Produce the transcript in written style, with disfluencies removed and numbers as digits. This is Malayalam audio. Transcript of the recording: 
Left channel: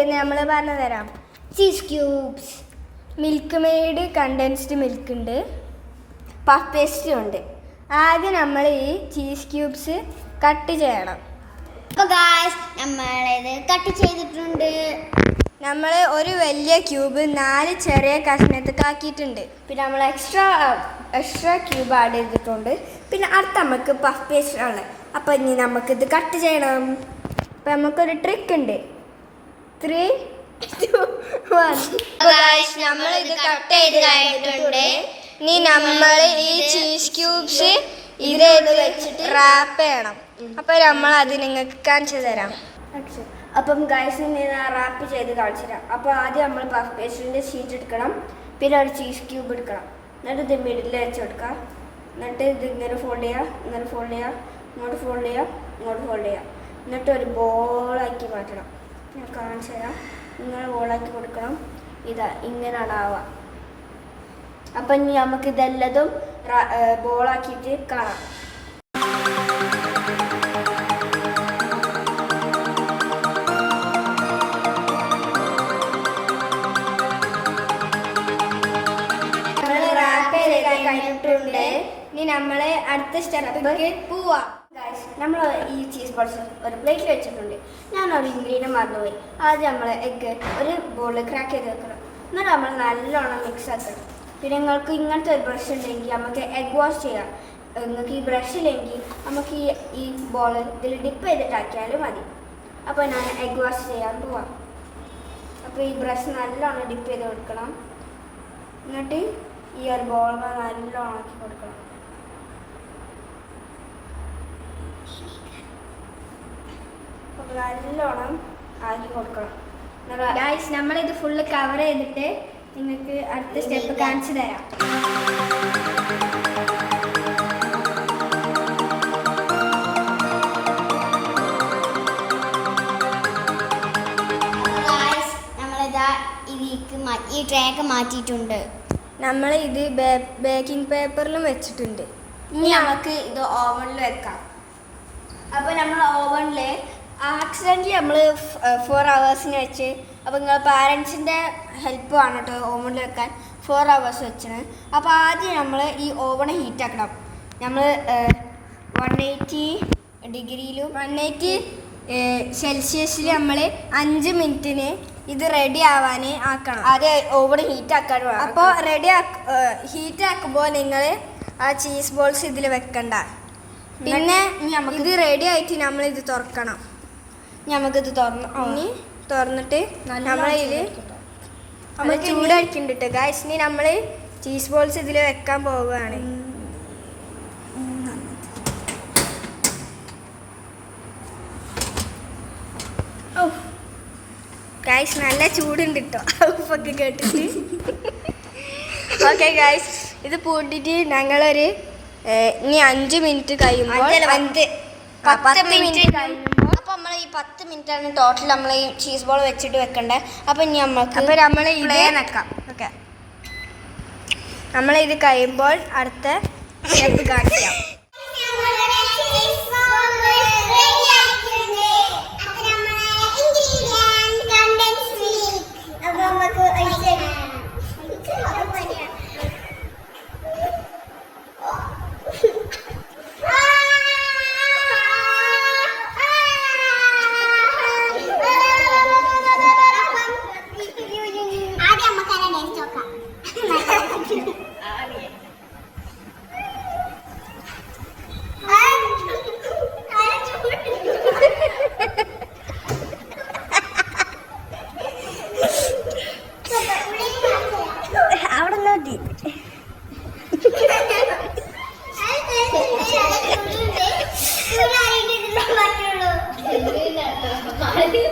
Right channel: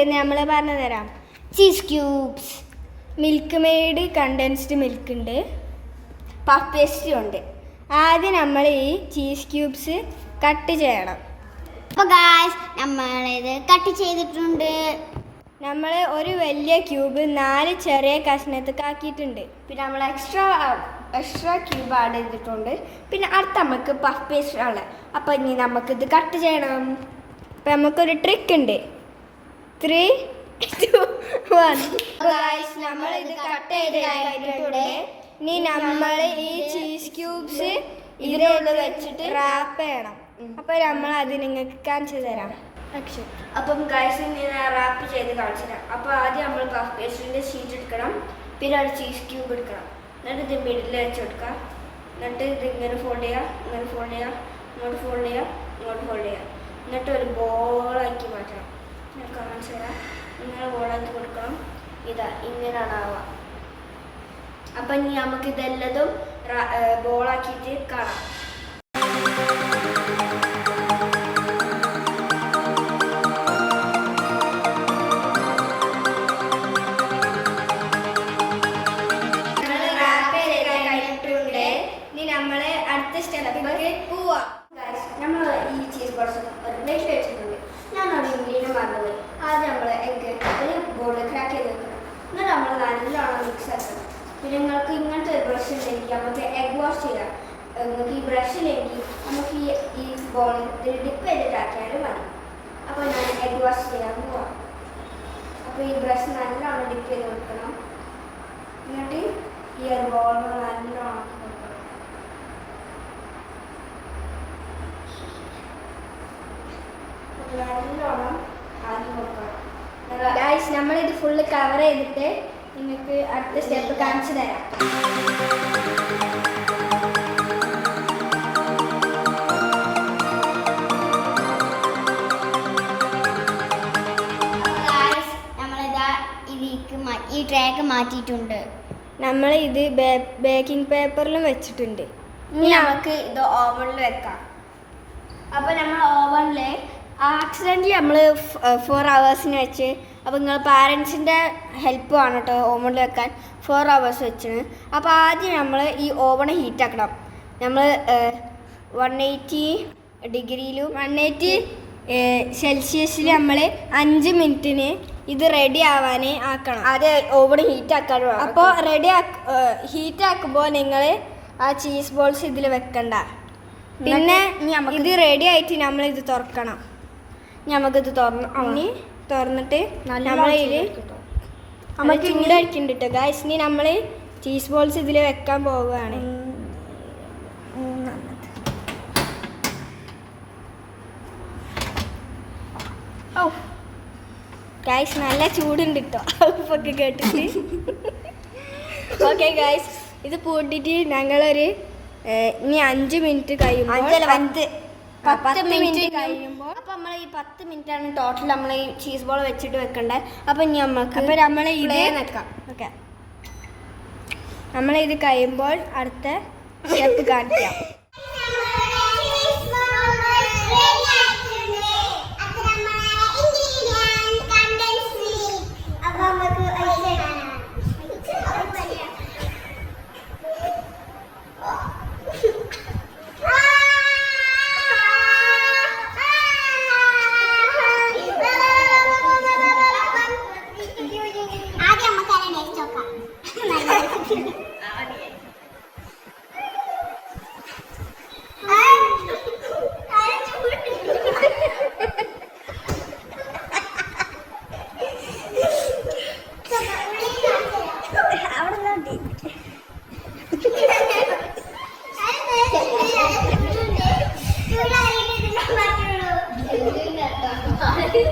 എന്തൊക്കെയുണ്ടെന്ന് നമ്മൾ പറഞ്ഞു തരാം. Cheese cubes, milk made condensed milk ഉണ്ട്, പഫ് പേസ്റ്റും ഉണ്ട്. ആദ്യം നമ്മൾ ഈ ചീസ് ക്യൂബ്സ് കട്ട് ചെയ്യണം. അപ്പോൾ ഗായ്സ് നമ്മളിത് കട്ട് ചെയ്തിട്ടുണ്ട്. നമ്മൾ ഒരു വലിയ ക്യൂബ് 4 ചെറിയ കഷ്ണത്തൊക്കെ ആക്കിയിട്ടുണ്ട്. പിന്നെ നമ്മൾ എക്സ്ട്രാ ക്യൂബ് ആഡ് ചെയ്തിട്ടുണ്ട്. പിന്നെ അടുത്ത നമുക്ക് പഫ് പേസ്റ്റ് ആണ്. അപ്പോൾ ഇനി നമുക്കിത് കട്ട് ചെയ്യണം. അപ്പം നമുക്കൊരു ട്രിക്ക് ഉണ്ട്. 3, 2, 1. നമ്മളിത് കട്ട് ചെയ്ത് കഴിഞ്ഞിട്ടുണ്ട്. ഇനി നമ്മൾ ഈ ചീസ് ക്യൂബ്സ് ഇതിൽ വെച്ചിട്ട് റാപ്പ് ചെയ്യണം. അപ്പോൾ നമ്മൾ അത് നിങ്ങൾക്ക് കാണിച്ചു തരാം. അപ്പം ഗൈസ് ഇങ്ങനെ റാപ്പ് ചെയ്ത് കാണിച്ചു തരാം. അപ്പോൾ ആദ്യം നമ്മൾ പഫ് പേസ്റ്റിൻ്റെ ഷീറ്റ് എടുക്കണം. പിന്നെ ഒരു ചീസ് ക്യൂബ് എടുക്കണം. എന്നിട്ട് ഇത് മിഡിൽ വെച്ച് കൊടുക്കുക. എന്നിട്ട് ഇത് ഇങ്ങനെ ഫോൾഡ് ചെയ്യുക, ഇങ്ങനെ ഫോൾഡ് ചെയ്യുക, ഇങ്ങോട്ട് ഫോൾഡ് ചെയ്യുക, ഇങ്ങോട്ട് ഫോൾഡ് ചെയ്യുക. എന്നിട്ട് ഒരു ബോളാക്കി മാറ്റണം. ഞാൻ കാണിച്ചു തരാം. ഇങ്ങനെ ബോളാക്കി കൊടുക്കണം. ഇതാ ഇങ്ങനെയാണ് ആവുക. അപ്പം ഇനി നമുക്ക് ഇതെല്ലതും ബോളാക്കിയിട്ട് കാണാം. ഇനി നമ്മൾ അടുത്ത സ്റ്റെപ്പിലേക്ക് പോവാം. നമ്മൾ ഈ ചീസ് ബോൾസ് ഒരു പ്ലേറ്റിൽ വെച്ചിട്ടുണ്ട്. ഞാൻ ഒരു ഇൻഗ്രീഡിയൻറ്റ് മറന്നുപോയി. ആദ്യം നമ്മൾ എഗ്ഗ് ഒരു ബോളിൽ ക്രാക്ക് ചെയ്ത് വെക്കണം. എന്നിട്ട് നമ്മൾ നല്ലോണം മിക്സ് ആക്കണം. പിന്നെ നിങ്ങൾക്ക് ഇങ്ങനത്തെ ഒരു ബ്രഷ് ഉണ്ടെങ്കിൽ നമുക്ക് എഗ് വാഷ് ചെയ്യാം. നിങ്ങൾക്ക് ഈ ബ്രഷ് ഇല്ലെങ്കിൽ നമുക്ക് ഈ ബോളിൽ ഡിപ്പ് ചെയ്തിട്ടാക്കിയാലും മതി. അപ്പോൾ ഞാൻ എഗ് വാഷ് ചെയ്യാൻ പോവാം. അപ്പോൾ ഈ ബ്രഷ് നല്ലോണം ഡിപ്പ് ചെയ്ത് കൊടുക്കണം. എന്നിട്ട് ഈ ഒരു ബോൾ നല്ലോണം ആക്കി കൊടുക്കണം. നല്ലോണം ആക്കി കൊടുക്കണം. ഗൈസ് നമ്മളിത് ഫുള്ള് കവർ ചെയ്തിട്ട് നിങ്ങൾക്ക് അടുത്ത സ്റ്റെപ്പ് കാണിച്ചു തരാം. ഈ ട്രേക്ക് മാറ്റിയിട്ടുണ്ട്. നമ്മൾ ഇത് ബേക്കിംഗ് പേപ്പറിലും വെച്ചിട്ടുണ്ട്. ഇനി നമുക്ക് ഇത് ഓവനിൽ വെക്കാം. അപ്പോൾ നമ്മൾ ഓവനിൽ ആക്സിഡൻ്റലി നമ്മൾ 4 hours വെച്ച്. അപ്പോൾ നിങ്ങൾ പാരൻസിൻ്റെ ഹെൽപ്പ് വേണം കേട്ടോ ഓവനിൽ വെക്കാൻ. 4 hours വെച്ചാണ്. അപ്പോൾ ആദ്യം നമ്മൾ ഈ ഓവൺ ഹീറ്റാക്കണം. നമ്മൾ 180 ഡിഗ്രിയിലും 180 സെൽഷ്യസിൽ നമ്മൾ 5 മിനിറ്റിന് ഇത് റെഡി ആവാൻ ആക്കണം. ആദ്യം ഓവൺ ഹീറ്റാക്കാൻ വേണം. അപ്പോൾ ഹീറ്റാക്കുമ്പോൾ നിങ്ങൾ ആ ചീസ് ബോൾസ് ഇതിൽ വെക്കണ്ട. പിന്നെ ഇത് റെഡി ആയിട്ട് നമ്മളിത് തുറക്കണം. നമുക്കിത് തുറന്നിട്ട് നമ്മളിത് നമ്മൾ ചൂടാക്കിണ്ടിട്ട് ഗൈസ്. ഇനി നമ്മൾ ചീസ് ബോൾസ് ഇതിൽ വെക്കാൻ പോവുകയാണ്. ഗൈസ് നല്ല ചൂടുണ്ട് കേട്ടോ ഉപ്പൊക്കെ കേട്ടിട്ട്. ഓക്കെ ഗൈസ് ഇത് പൂട്ടിയിട്ട് ഞങ്ങളൊരു ഇനി 5 മിനിറ്റ് കഴിയുമ്പോൾ 10 മിനിറ്റ് കഴിയുമ്പോൾ അപ്പോൾ നമ്മൾ ഈ 10 മിനിറ്റാണ് ടോട്ടൽ നമ്മൾ ഈ ചീസ് ബോൾ വെച്ചിട്ട് വെക്കണ്ടേ. അപ്പോൾ ഇനി നമ്മൾ ഇത് വെക്കാം. ഓക്കെ നമ്മളിത് കഴിയുമ്പോൾ അടുത്ത സ്റ്റെപ്പ് കാണിക്കാം. അവിടെ